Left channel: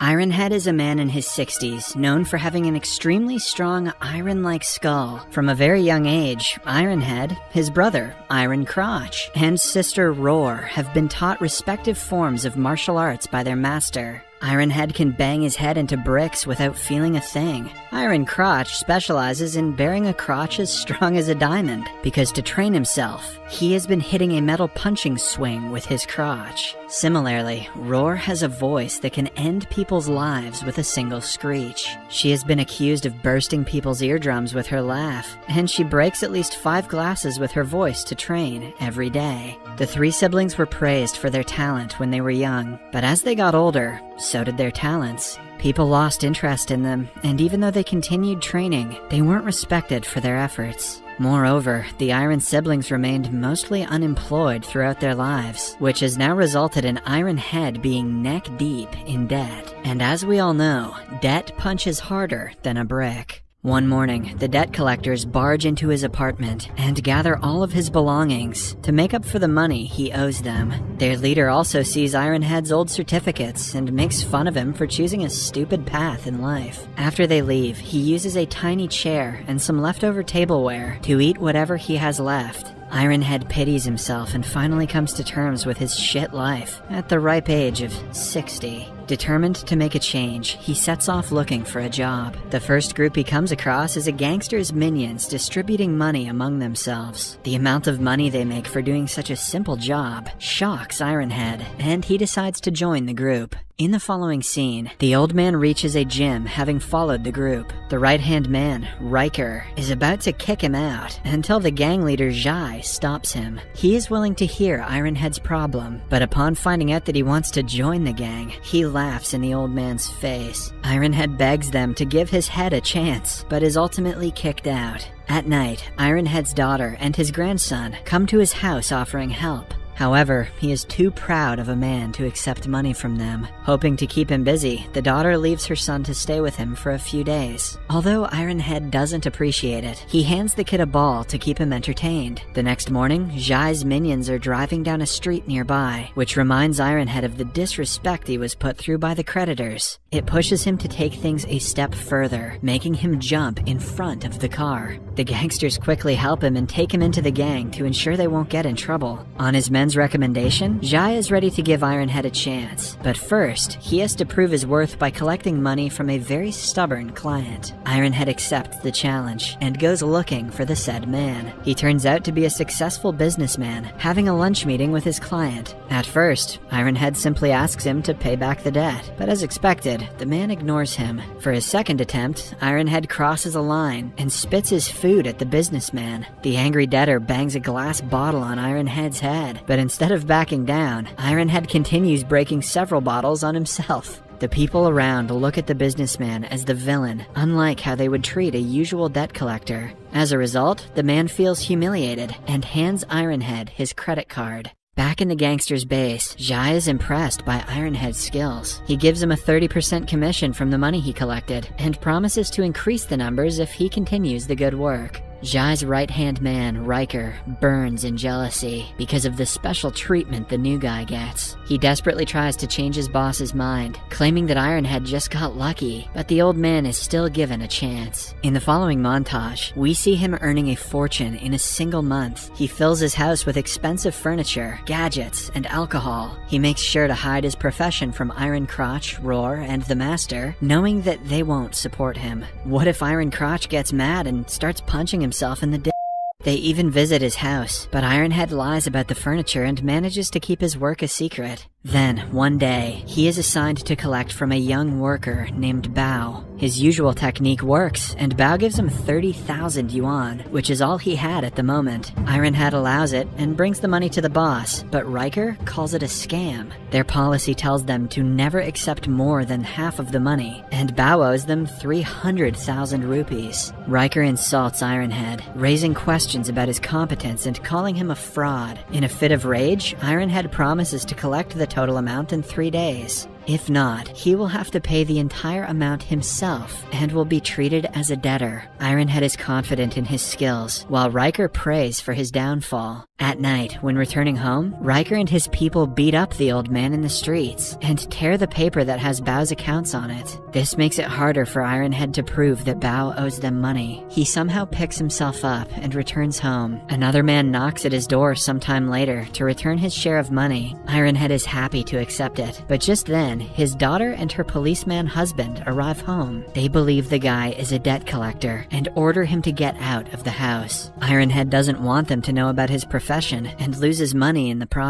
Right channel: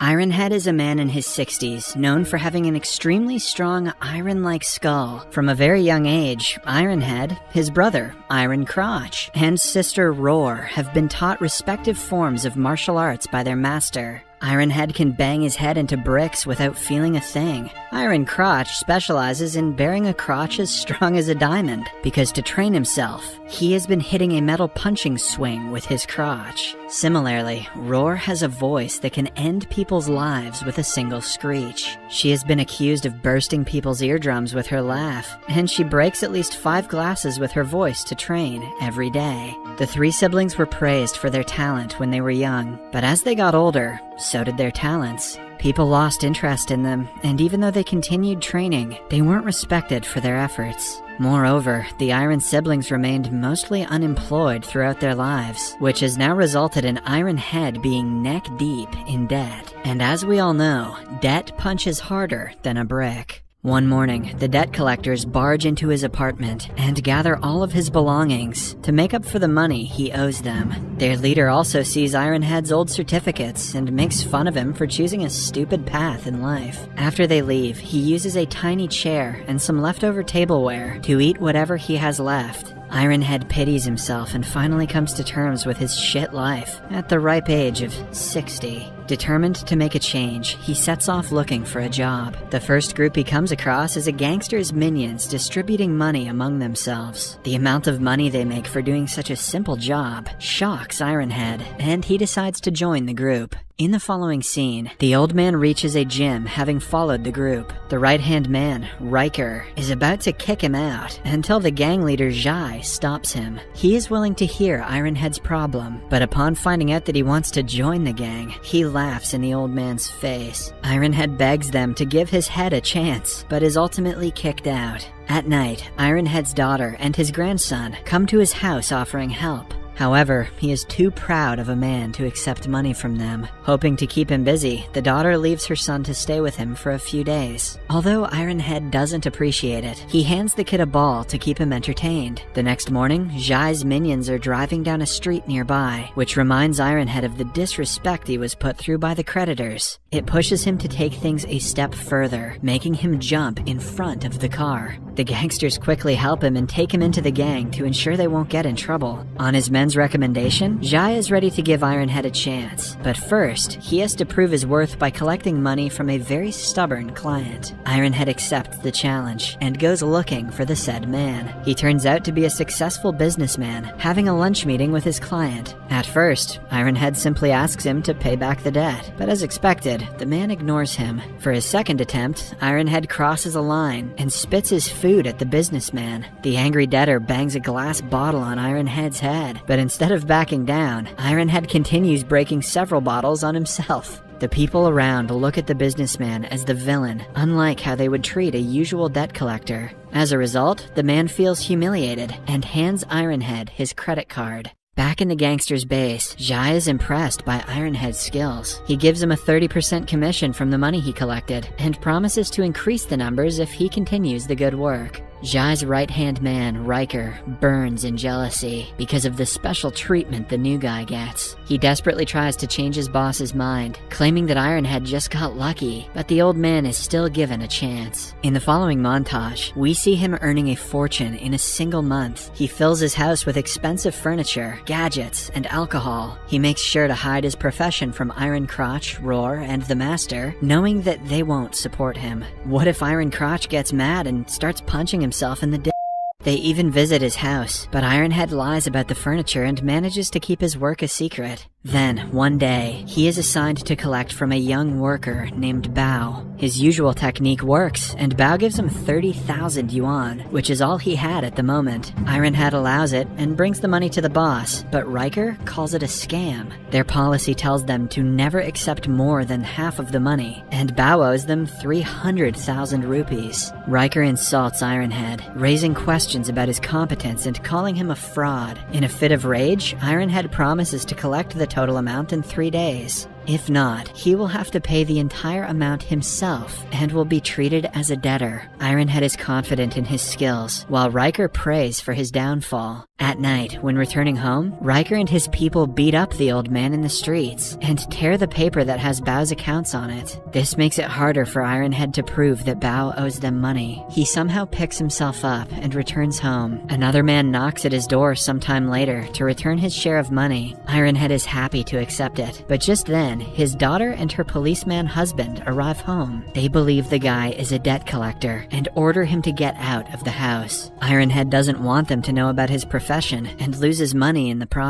Ironhead is a man in his 60s, known for having an extremely strong iron-like skull. From a very young age, Ironhead, his brother, Iron Crotch, and sister Roar have been taught respective forms of martial arts by their master. Ironhead can bang his head into bricks without feeling a thing. Iron Crotch specializes in bearing a crotch as strong as a diamond, because to train himself, he has been hitting a metal punching swing with his crotch. Similarly, Roar has a voice that can end people's lives with a single screech. She has been accused of bursting people's eardrums with her laugh, and she breaks at least 5 glasses with her voice to train every day. The 3 siblings were praised for their talent when they were young, but as they got older, so did their talents. People lost interest in them, and even though they continued training, they weren't respected for their efforts. Moreover, the Iron siblings remained mostly unemployed throughout their lives, which has now resulted in Ironhead being neck-deep in debt. And as we all know, debt punches harder than a brick. One morning, the debt collectors barge into his apartment and gather all of his belongings to make up for the money he owes them. Their leader also sees Ironhead's old certificates and makes fun of him for choosing a stupid path in life. After they leave, he uses a tiny chair and some leftover tableware to eat whatever he has left. Ironhead pities himself and finally comes to terms with his shit life at the ripe age of 60. Determined to make a change, he sets off looking for a job. The first group he comes across is a gangster's minions distributing money among themselves. The amount of money they make for doing such a simple job shocks Ironhead, and he decides to join the group. In the following scene, the old man reaches a gym having followed the group. The right-hand man, Riker, is about to kick him out until the gang leader Jai stops him. He is willing to hear Ironhead's problem, but upon finding out that he wants to join the gang, he laughs in the old man's face. Ironhead begs them to give his head a chance, but is ultimately kicked out. At night, Ironhead's daughter and his grandson come to his house offering help. However, he is too proud of a man to accept money from them. Hoping to keep him busy, the daughter leaves her son to stay with him for a few days. Although Ironhead doesn't appreciate it, he hands the kid a ball to keep him entertained. The next morning, Jai's minions are driving down a street nearby, which reminds Ironhead of the disrespect he was put through by the creditors. It pushes him to take things a step further, making him jump in front of the car. The gangsters quickly help him and take him into the gang to ensure they won't get in trouble. On his men's recommendation, Jai is ready to give Ironhead a chance, but first, he has to prove his worth by collecting money from a very stubborn client. Ironhead accepts the challenge and goes looking for the said man. He turns out to be a successful businessman, having a lunch meeting with his client. At first, Ironhead simply asks him to pay back the debt, but as expected, the man ignores him. For his second attempt, Ironhead crosses a line and spits his food at the businessman. The angry debtor bangs a glass bottle on Ironhead's head, but instead of backing down, Ironhead continues breaking several bottles on himself. The people around look at the businessman as the villain, unlike how they would treat a usual debt collector. As a result, the man feels humiliated and hands Ironhead his credit card. Back in the gangster's base, Jai is impressed by Ironhead's skills. He gives him a 30% commission from the money he collected, and promises to increase the numbers if he continues the good work. Jai's right-hand man, Riker, burns in jealousy because of the special treatment the new guy gets. He desperately tries to change his boss's mind, claiming that Ironhead just got lucky, but the old man is still given a chance. In the following montage, we see him earning a fortune in a single month. He fills his house with expensive furniture, gadgets, and alcohol. He makes sure to hide his profession from Iron Crotch, Roar, and the Master, knowing that they won't support him. What if Iron Crotch gets mad and starts punching himself in the dick? They even visit his house, but Ironhead lies about the furniture and manages to keep his work a secret. Then, one day, he is assigned to collect from a young worker named Bao. His usual technique works, and Bao gives him 30,000 yuan, which is all he had at the moment. Ironhead allows it and brings the money to the boss, but Riker calls it a scam. Their policy tells them to never accept more than half of the money, and Bao owes them 300,000 rupees. Riker insults Ironhead, raising questions about his competence and calling him a fraud. In a fit of rage, Ironhead promises to collect the total amount in 3 days. If not, he will have to pay the entire amount himself and will be treated as a debtor. Ironhead is confident in his skills, while Riker prays for his downfall. At night, when returning home, Riker and his people beat up the old man in the streets and tear the paper that has Bao's accounts on it. This makes it harder for Ironhead to prove that Bao owes them money. He somehow picks himself up and returns home. Another man knocks at his door sometime later to return his share of money. Ironhead is happy to accept it, but just then, his daughter and her policeman husband arrive home. They believe the guy is a debt collector and order him to get out of the house. Ironhead doesn't want them to know about his profession and loses money in the process.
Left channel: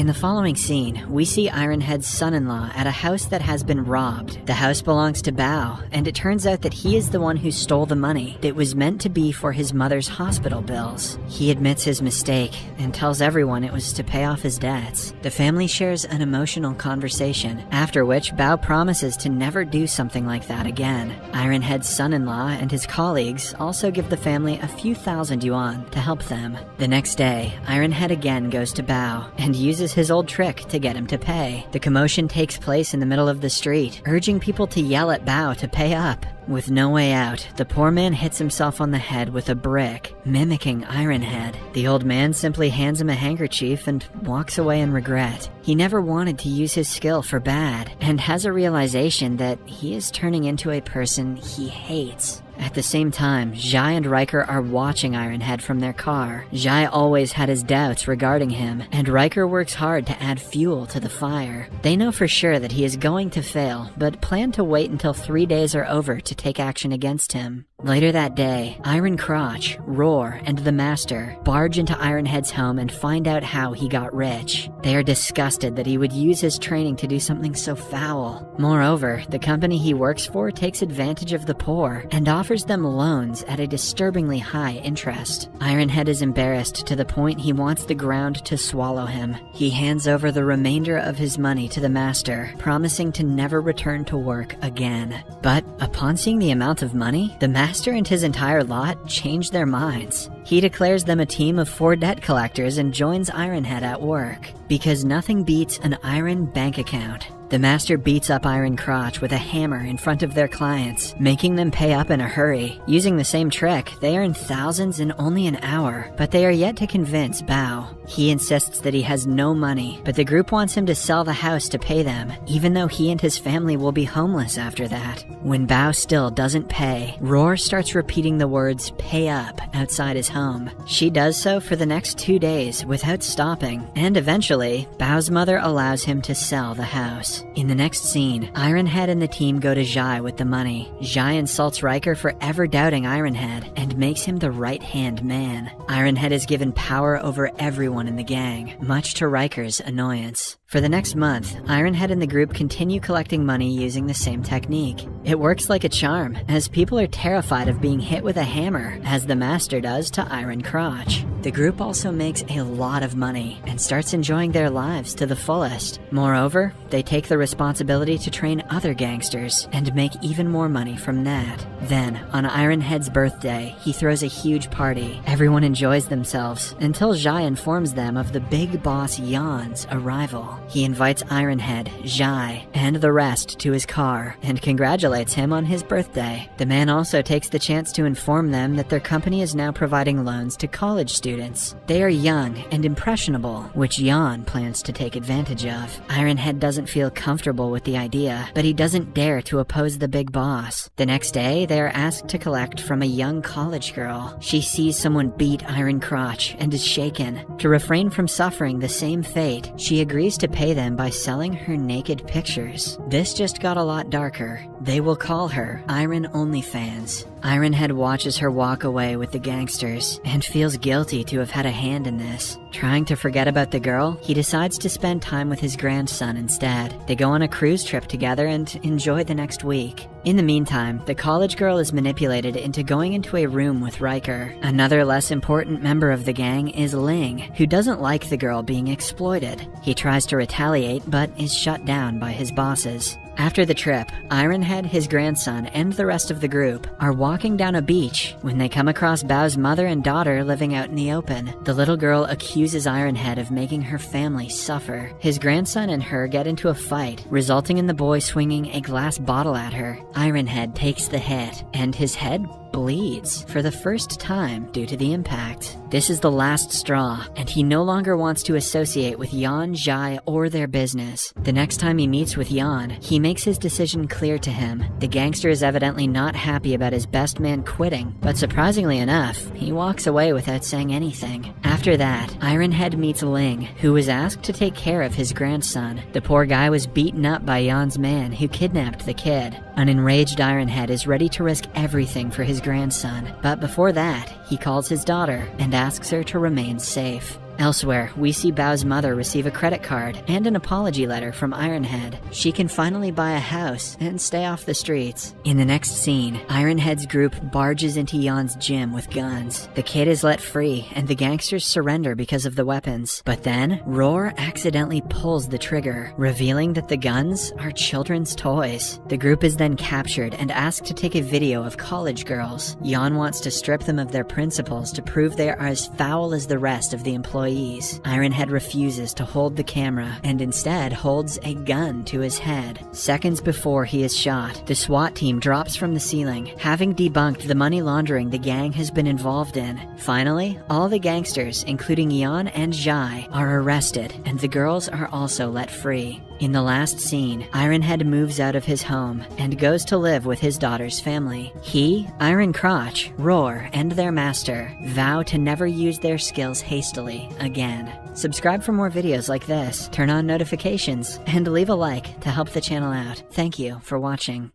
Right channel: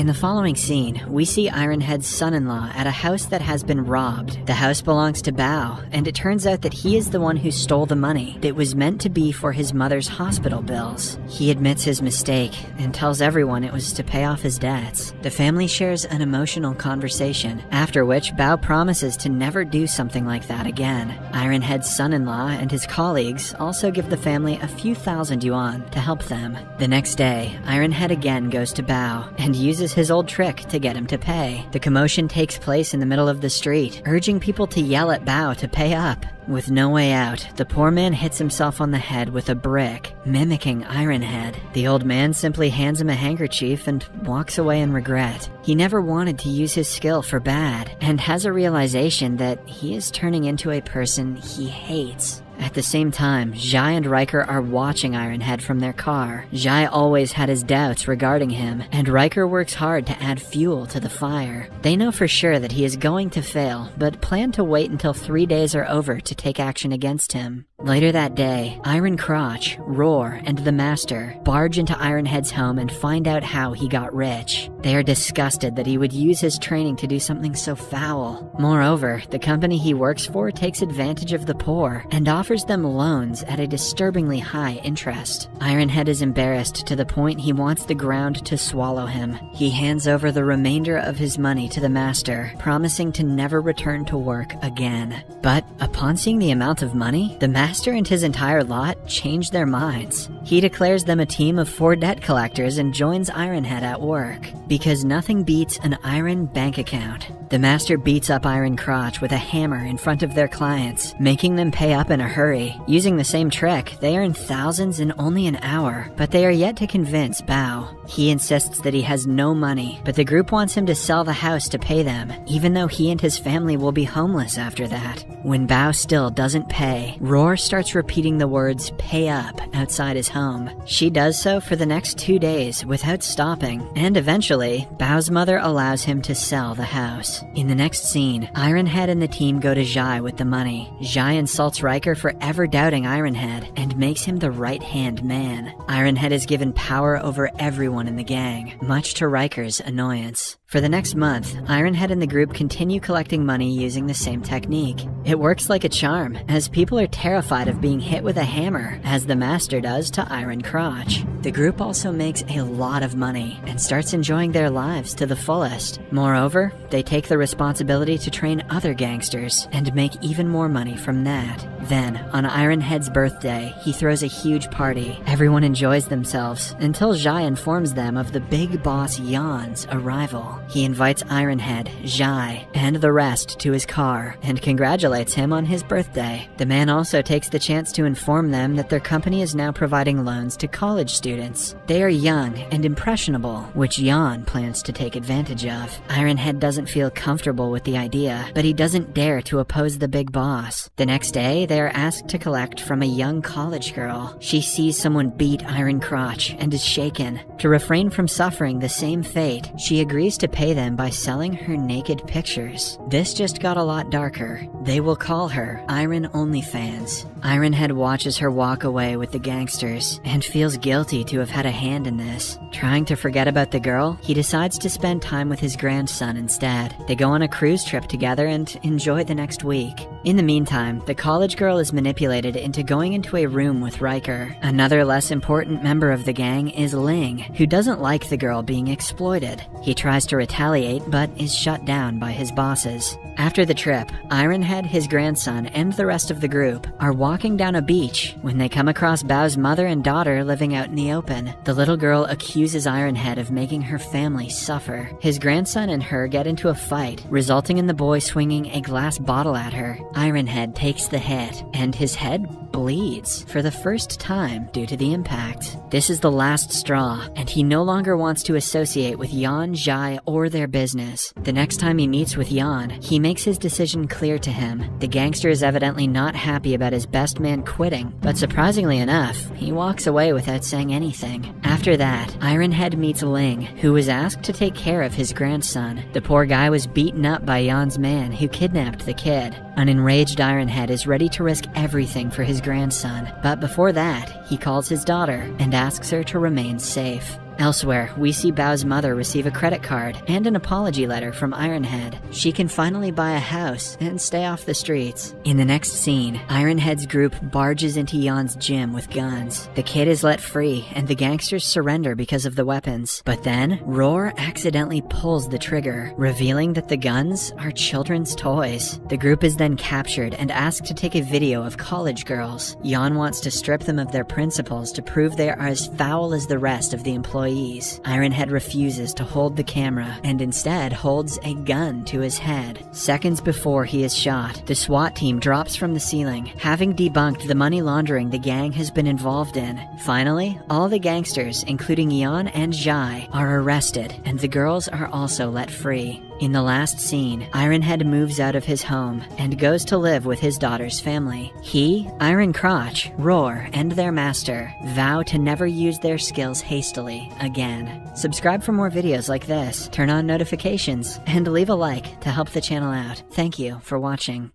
In the following scene, we see Ironhead's son-in-law at a house that has been robbed. The house belongs to Bao, and it turns out that he is the one who stole the money that was meant to be for his mother's hospital bills. He admits his mistake and tells everyone it was to pay off his debts. The family shares an emotional conversation, after which Bao promises to never do something like that again. Ironhead's son-in-law and his colleagues also give the family a few thousand yuan to help them. The next day, Ironhead again goes to Bao and uses his old trick to get him to pay. The commotion takes place in the middle of the street, urging people to yell at Bao to pay up. With no way out, the poor man hits himself on the head with a brick, mimicking Ironhead. The old man simply hands him a handkerchief and walks away in regret. He never wanted to use his skill for bad, and has a realization that he is turning into a person he hates. At the same time, Zhai and Riker are watching Ironhead from their car. Zhai always had his doubts regarding him, and Riker works hard to add fuel to the fire. They know for sure that he is going to fail, but plan to wait until 3 days are over to take action against him. Later that day, Iron Crotch, Roar, and the Master barge into Ironhead's home and find out how he got rich. They are disgusted that he would use his training to do something so foul. Moreover, the company he works for takes advantage of the poor and offers them loans at a disturbingly high interest. Ironhead is embarrassed to the point he wants the ground to swallow him. He hands over the remainder of his money to the Master, promising to never return to work again. But upon seeing the amount of money, the Master and his entire lot change their minds. He declares them a team of 4 debt collectors and joins Ironhead at work, because nothing beats an iron bank account. The Master beats up Iron Crotch with a hammer in front of their clients, making them pay up in a hurry. Using the same trick, they earn thousands in only an hour, but they are yet to convince Bao. He insists that he has no money, but the group wants him to sell the house to pay them, even though he and his family will be homeless after that. When Bao still doesn't pay, Roar starts repeating the words "pay up" outside his home. She does so for the next 2 days without stopping, and eventually, Bao's mother allows him to sell the house. In the next scene, Ironhead and the team go to Zhai with the money. Zhai insults Riker for ever doubting Ironhead and makes him the right-hand man. Ironhead is given power over everyone in the gang, much to Riker's annoyance. For the next month, Ironhead and the group continue collecting money using the same technique. It works like a charm, as people are terrified of being hit with a hammer, as the Master does to Iron Crotch. The group also makes a lot of money, and starts enjoying their lives to the fullest. Moreover, they take the responsibility to train other gangsters, and make even more money from that. Then, on Ironhead's birthday, he throws a huge party. Everyone enjoys themselves, until Zhai informs them of the big boss Yan's arrival. He invites Ironhead, Zhai, and the rest to his car, and congratulates him on his birthday. The man also takes the chance to inform them that their company is now providing loans to college students. They are young and impressionable, which Yan plans to take advantage of. Ironhead doesn't feel comfortable with the idea, but he doesn't dare to oppose the big boss. The next day, they are asked to collect from a young college girl. She sees someone beat Iron Crotch and is shaken. To refrain from suffering the same fate, she agrees to pay them by selling her naked pictures. This just got a lot darker. They will call her Iron OnlyFans. Ironhead watches her walk away with the gangsters, and feels guilty to have had a hand in this. Trying to forget about the girl, he decides to spend time with his grandson instead. They go on a cruise trip together and enjoy the next week. In the meantime, the college girl is manipulated into going into a room with Riker. Another less important member of the gang is Ling, who doesn't like the girl being exploited. He tries to retaliate, but is shut down by his bosses. After the trip, Ironhead, his grandson, and the rest of the group are walking down a beach when they come across Bao's mother and daughter living out in the open. The little girl accuses Ironhead of making her family suffer. His grandson and her get into a fight, resulting in the boy swinging a glass bottle at her. Ironhead takes the hit, and his head bleeds for the first time due to the impact. This is the last straw, and he no longer wants to associate with Jan, Jai, or their business. The next time he meets with Jan, he makes his decision clear to him. The gangster is evidently not happy about his best man quitting, but surprisingly enough, he walks away without saying anything. After that, Ironhead meets Ling, who was asked to take care of his grandson. The poor guy was beaten up by Jan's man, who kidnapped the kid. An enraged Ironhead is ready to risk everything for his grandson, but before that, he calls his daughter and asks her to remain safe. Elsewhere, we see Bao's mother receive a credit card and an apology letter from Ironhead. She can finally buy a house and stay off the streets. In the next scene, Ironhead's group barges into Jan's gym with guns. The kid is let free, and the gangsters surrender because of the weapons. But then, Roar accidentally pulls the trigger, revealing that the guns are children's toys. The group is then captured and asked to take a video of college girls. Jan wants to strip them of their principles to prove they are as foul as the rest of the employees. Ironhead refuses to hold the camera and instead holds a gun to his head. Seconds before he is shot, the SWAT team drops from the ceiling, having debunked the money laundering the gang has been involved in. Finally, all the gangsters, including Jan and Jai, are arrested, and the girls are also let free. In the last scene, Ironhead moves out of his home and goes to live with his daughter's family. He, Iron Crotch, Roar, and their master vow to never use their skills hastily again. Subscribe for more videos like this, turn on notifications, and leave a like to help the channel out. Thank you for watching.